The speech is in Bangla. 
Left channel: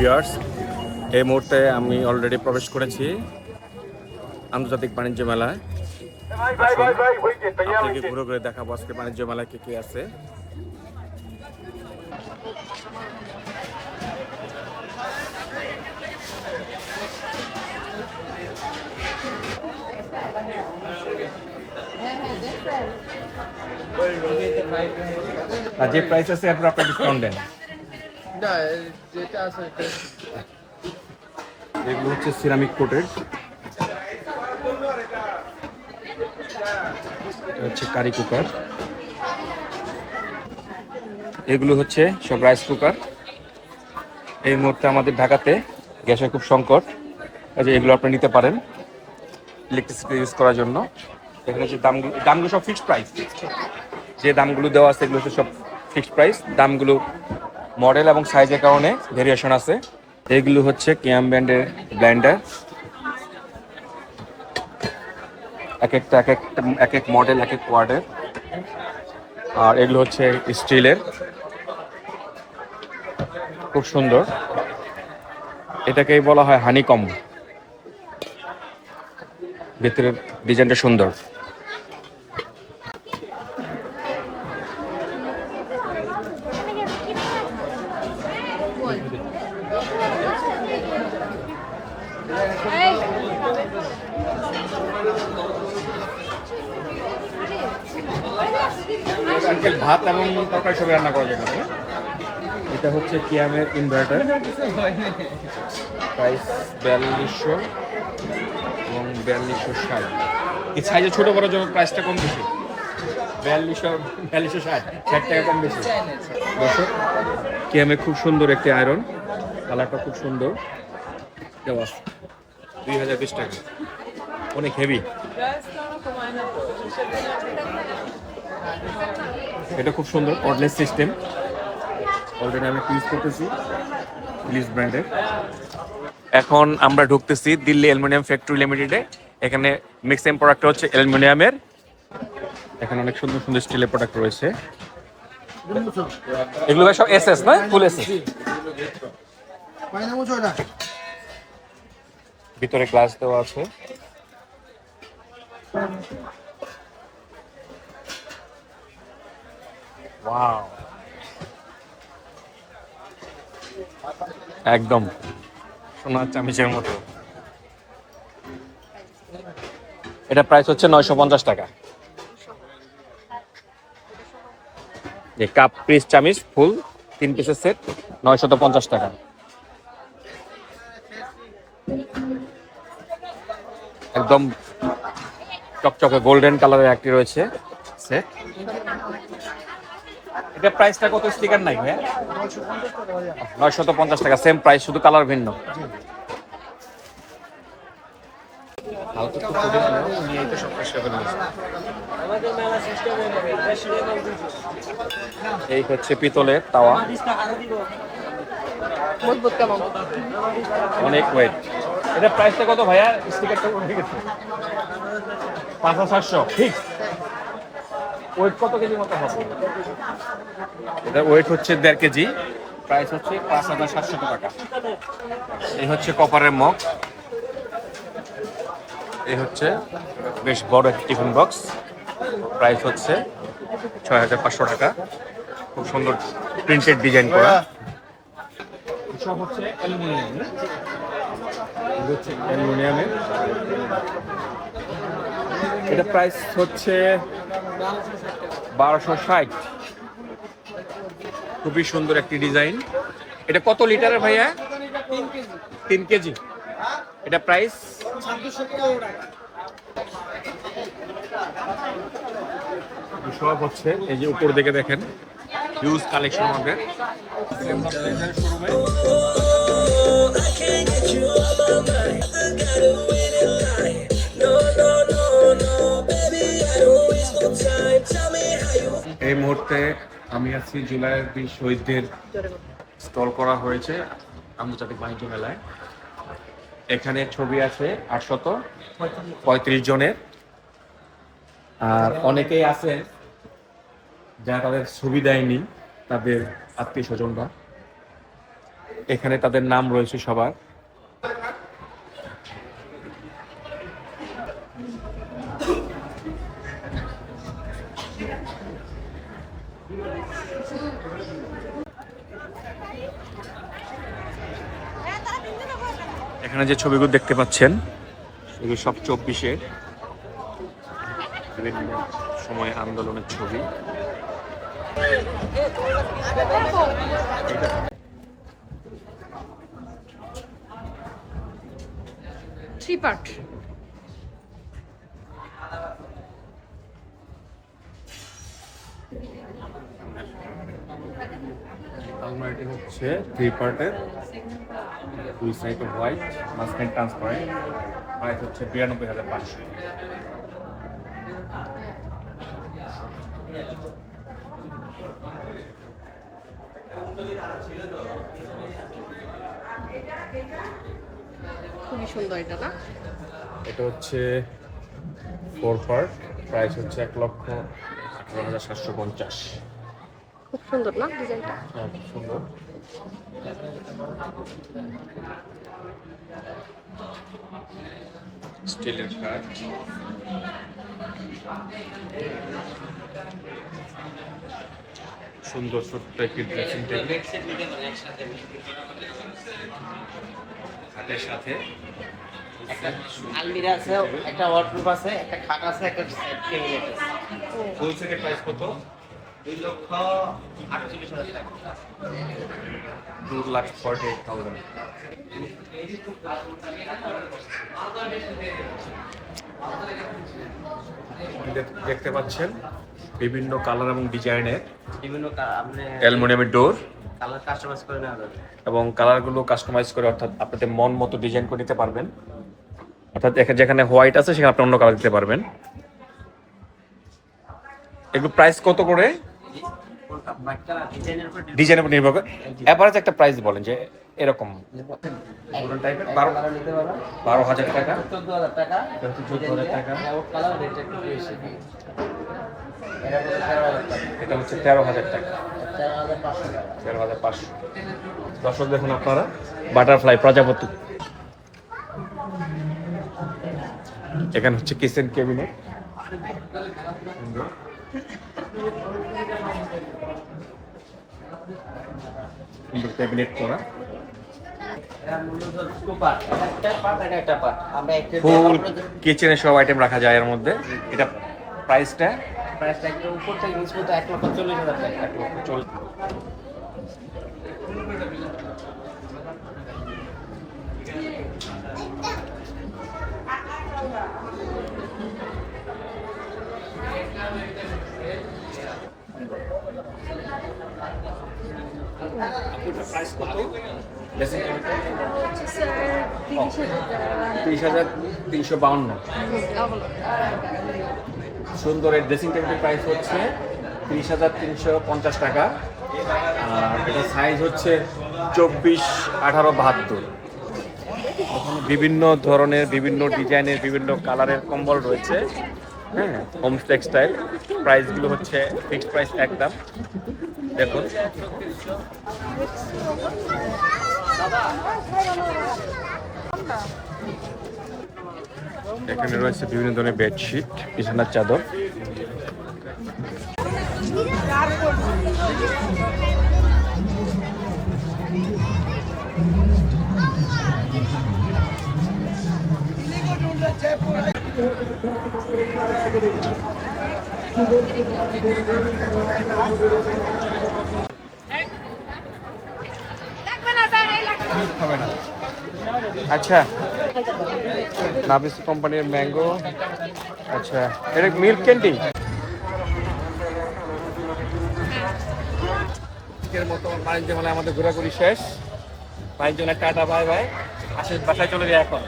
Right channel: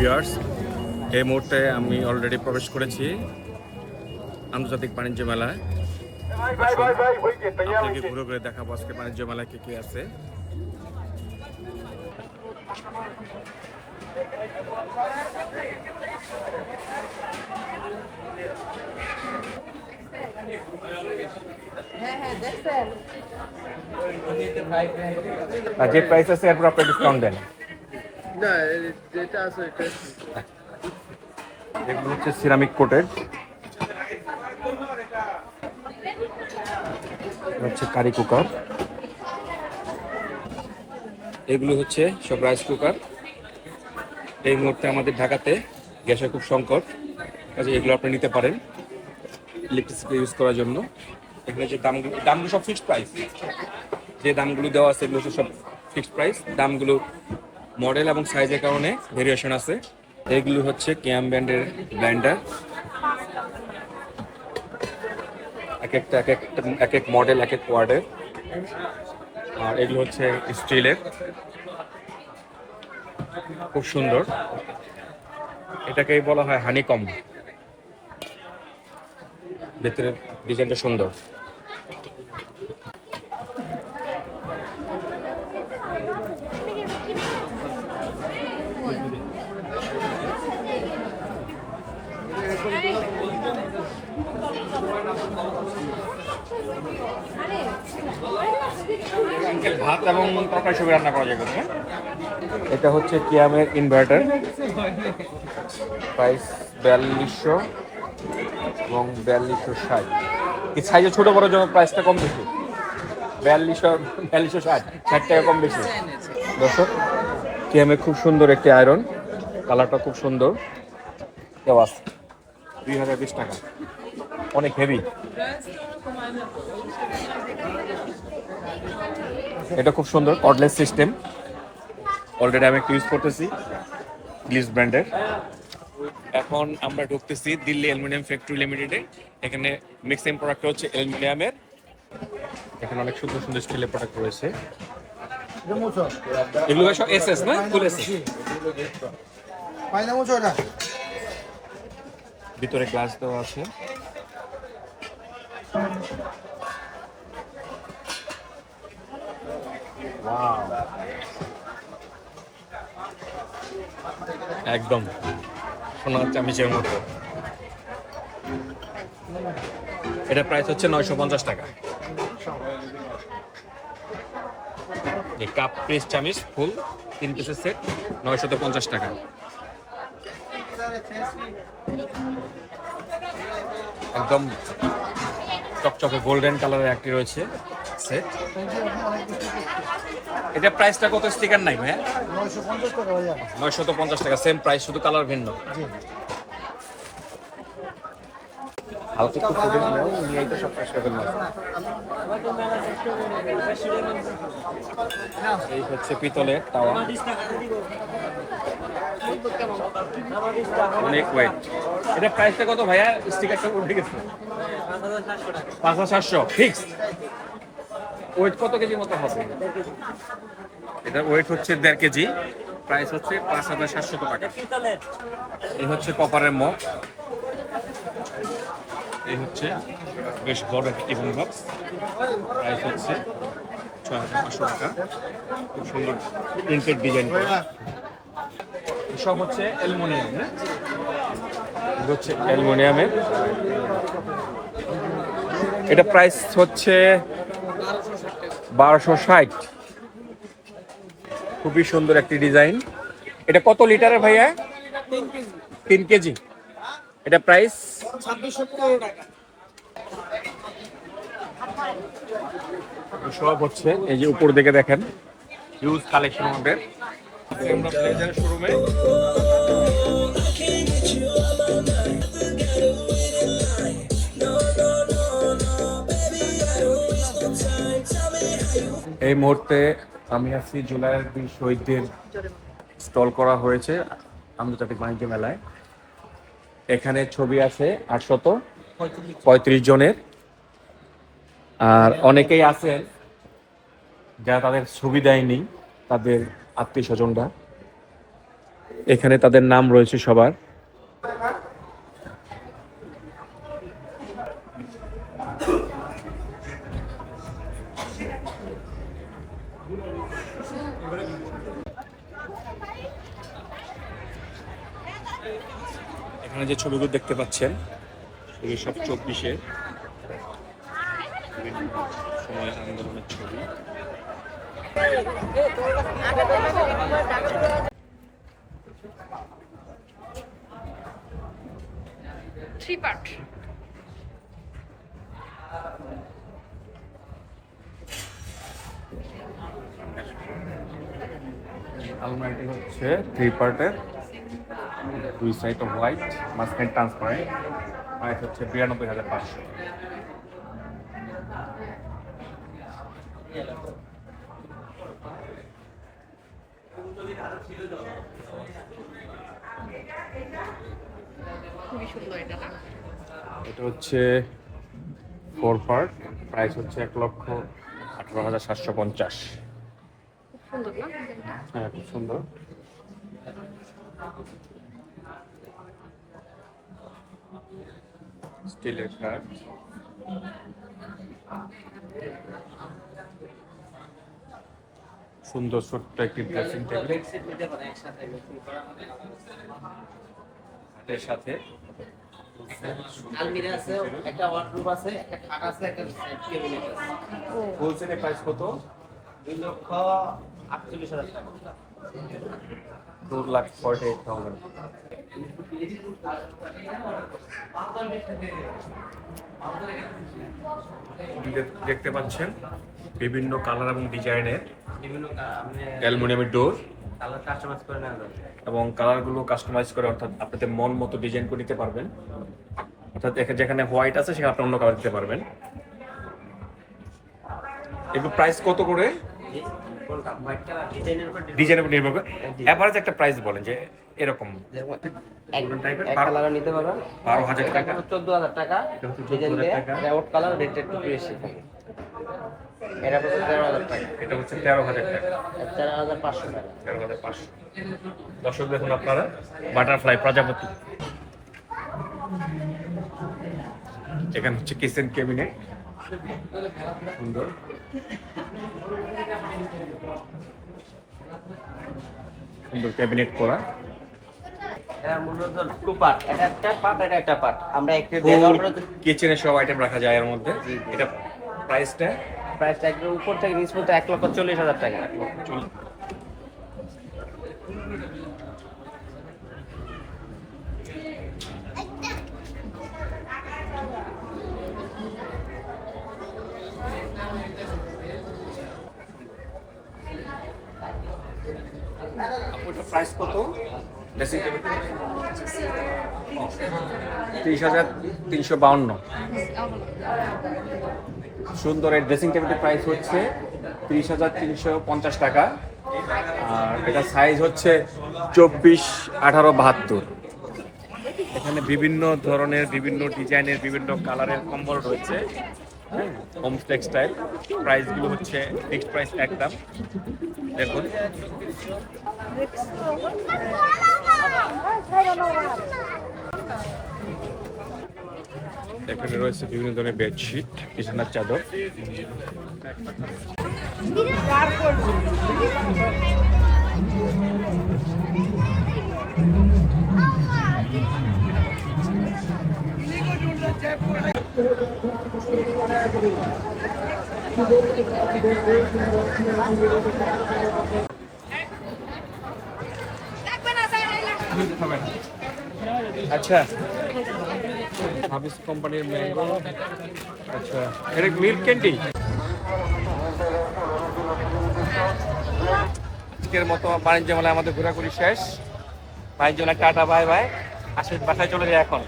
ভিউয়ার্স, এই মুহূর্তে আমি অলরেডি প্রবেশ করেছি আন্তর্জাতিক বাণিজ্য মেলায়। আসুন আপনাকে ঘুরে ঘুরে দেখাবো আজকে বাণিজ্য মেলায় কি কি আছে। আর যে প্রাইস আছে এরপর আপনি ডিসকাউন্ট দেন। না, যেটা আছে এগুলো হচ্ছে সিরামিক কোটেড, হচ্ছে কারি কুকার, এগুলো হচ্ছে সব রাইস কুকার। এই মুহূর্তে আমাদের ঢাকাতে গ্যাসের খুব সংকট, যে এগুলো আপনি নিতে পারেন ইলেকট্রিসিটি ইউজ করার জন্য। এখানে যে দামগুলো সব ফিক্সড প্রাইস, যে দামগুলো দেওয়া আছে এগুলো হচ্ছে সব ফিক্সড প্রাইস। দামগুলো মডেল এবং সাইজের কারণে ভেরিয়েশন আছে। এগুলো হচ্ছে কেএম ব্র্যান্ডের ব্লেন্ডার, এক এক মডেল এক এক ওয়ার্ডের। আর এগুলো হচ্ছে স্টিলের, খুব সুন্দর। এটাকেই বলা হয় হানিকম, ভিতরের ডিজাইনটা সুন্দর। আঙ্কেল ভাত এবং তরকারি সবই রান্না করা যাবে না? এটা হচ্ছে কিয়ামের ইনভার্টার, প্রাইস 4200 এবং 4260। এই সাইজে ছোট বড় জন্য প্রাইসটা কম বেশি, 4260 60 টাকা কম বেশি। দর্শক, কিয়ামের খুব সুন্দর একটি আয়রন, কালারটা খুব সুন্দর, দেওয়া 2020 টাকা, অনেক হেভি। এটা খুব সুন্দর কর্ডলেস সিস্টেম, অলরেডি আমি একটু ইউজ করতেছি, গ্লিস ব্র্যান্ডের। এখন আমরা ঢুকতেছি দিল্লি অ্যালুমিনিয়াম ফ্যাক্টরি লিমিটেডে। এখানে মিক্সিং প্রোডাক্ট হচ্ছে অ্যালুমিনিয়ামের। এখানে অনেক সুন্দর সুন্দর স্টিলের প্রোডাক্ট রয়েছে। এগুলো সব এসএস না, ফুল এসএস। ভিতরে গ্লাস দেওয়া আছে। একদম সোনার চামিচের মতো। এটা প্রাইস হচ্ছে 950 টাকা। যে কাপ পিস চামিচ ফুল 3 পিসের সেট 950 টাকা। একদম চকচকে গোল্ডেন কালারের একটি রয়েছে সেট। এটা প্রাইসটা কত? স্টিকার নাই ভাইয়া? 950 টাকা, সেম প্রাইস, শুধু কালার ভিন্ন। হালকা একটু ফুটেজ নাও, নিয়েই তো সব শেষ করে ফেলবো। এই হচ্ছে পিতলের তাওয়া, অনেক ওয়েট। এটা প্রাইসটা কত ভাইয়া? স্টিকারটা উঠে গেছে 5700 ফিক্স। ওয়েট কত কেজি মতো হবে? এটা ওয়েট হচ্ছে 1.5 কেজি, প্রাইস হচ্ছে 5700 টাকা। এই হচ্ছে কপারের মগ, এই হচ্ছে বেশ বড় টিফিন বক্স, প্রাইস হচ্ছে 6500 টাকা। খুব সুন্দর প্রিন্টেড ডিজাইন করা। সব হচ্ছে অ্যালুমিনিয়াম, এগুলো হচ্ছে অ্যালুমিনিয়ামের। এটা প্রাইস হচ্ছে 1260। খুবই সুন্দর একটি ডিজাইন। এটা কত লিটারের ভাইয়া? 3 কেজি। এটা প্রাইস 2600 টাকা। সুলভ হচ্ছে। এই যে উপর দিকে দেখেন হিউজ কালেকশন আমাদের শোরুমে। এই মুহূর্তে আমি আছি জুলাইয়ের 20 শহীদদের স্টল করা হয়েছে আন্তর্জাতিক বাণিজ্য মেলায়। এখানে ছবি আছে 835 জনের। আর অনেকেই আছেন যারা তাদের ছবি দেয়নি, তাদের আত্মীয় স্বজনরা। এখানে তাদের নাম রয়েছে সবার। এখানে যে ছবিগুলো দেখতে পাচ্ছেন এগুলো সব 24-এর বিভিন্ন সময় আন্দোলনের ছবি। Three part. আলমারিটি হচ্ছে 3 পার্টের, 2 সাইড অফ হোয়াইট, মাঝখানে ট্রান্সপারেন্ট। প্রাইস হচ্ছে 92,500। খুবই সুন্দর এটা না? এটা হচ্ছে 4 পার্ট, প্রাইস হচ্ছে 1,18,750। খুব সুন্দর না ডিজাইনটা? হ্যাঁ, খুব সুন্দর। স্টিলের কাঠ, সুন্দর ছোট্ট একটি ড্রেসিং টেবিল হাতের সাথে। আলমিরা আছে, একটা ওয়ার্ডরোব আছে, একটা খাট আছে, একটা টেবিল আছে। ও হোলসেলের প্রাইস কত? 2,48,000 টাকা। 2,48,000। দেখতে পাচ্ছেন বিভিন্ন কালার এবং ডিজাইনের বিভিন্ন আপনি অ্যালুমিনিয়ামের ডোর কালার কাস্টমাইজ করে নেওয়া যাবে। এবং কালারগুলো কাস্টমাইজ করে, অর্থাৎ আপনাদের মন মতো ডিজাইন করে নিতে পারবেন। অর্থাৎ এখানে যেখানে হোয়াইট আছে সেখানে আপনি অন্য কালার দিতে পারবেন। এগুলো প্রাইস কত করে? কোনটা হোয়াইট কালার ডিজাইনের উপর ডিজাইনের উপর নির্ভর করে এভারেজ একটা প্রাইস বলেন যে এরকম। কালার নিতে পারবেন 12,000 টাকা, 14,000 টাকা, এটা হচ্ছে 14,000 টাকা, এবং কালার রেট একটু বেশি। এটা হচ্ছে 13,000 টাকা, এটা হচ্ছে 13,000 টাকা, 4,500 টাকা। 13,500। দর্শক দেখুন আপনারা বাটারফ্লাই প্রজাপতি। এখানে হচ্ছে কিচেন ক্যাবিনেট, সুন্দর। সুন্দর ক্যাবিনেট করা, এটা মূলত টু পার্ট, এটা একটা পার্ট, এটা একটা পার্ট। আমরা একটা ফুল কিচেনে সব আইটেম রাখা যায় এর মধ্যে। এটা প্রাইসটা প্রাইসটা একটু উপর থেকে নিচ পর্যন্ত 1,40,000 টাকা। চল। আপুটার প্রাইস কত? ড্রেসিং টেবিলটা 30,352। সুন্দর। এর ড্রেসিং টেবিলের প্রাইস হচ্ছে 30,350 টাকা। আর এটা সাইজ হচ্ছে 24, 18, 72। এখানে বিভিন্ন ধরনের, বিভিন্ন ডিজাইনের, বিভিন্ন কালারের কম্বল রয়েছে। হ্যাঁ, হোমস টেক্সটাইল। প্রাইসগুলো হচ্ছে ফিক্সড প্রাইস একদম। দেখুন এখানে রয়েছে বিভিন্ন ধরনের বেডশিট, বিছানার চাদর। আচ্ছা, নাভিস কোম্পানির ম্যাঙ্গো। আচ্ছা, এটা মিল্ক ক্যান্ডি। আজকের মতো বাণিজ্য মেলায় আমাদের ঘোরাঘুরি শেষ। বাণিজ্য মেলা টাটা, বাই বাই। আসে বাসায় চলে যায় এখন।